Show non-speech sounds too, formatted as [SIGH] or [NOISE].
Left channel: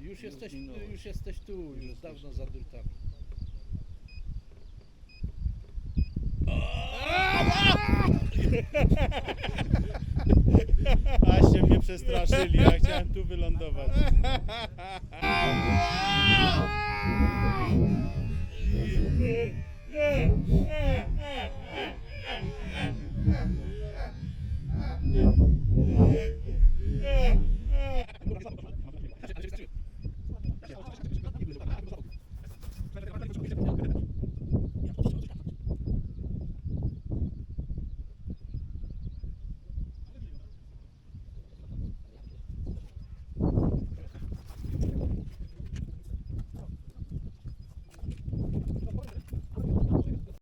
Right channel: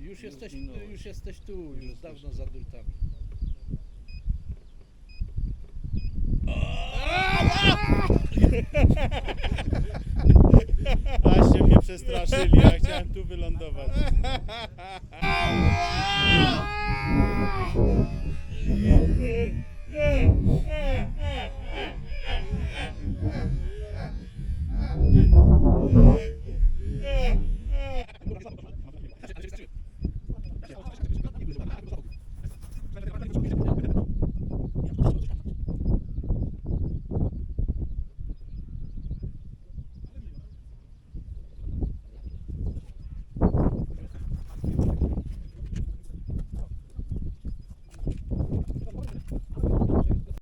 Już jesteś, minąłeś. już jesteś tu, już dawno za drutami. [LAUGHS] Aście mnie przestraszyli, ja chciałem tu wylądować. [LAUGHS] Çok güzel.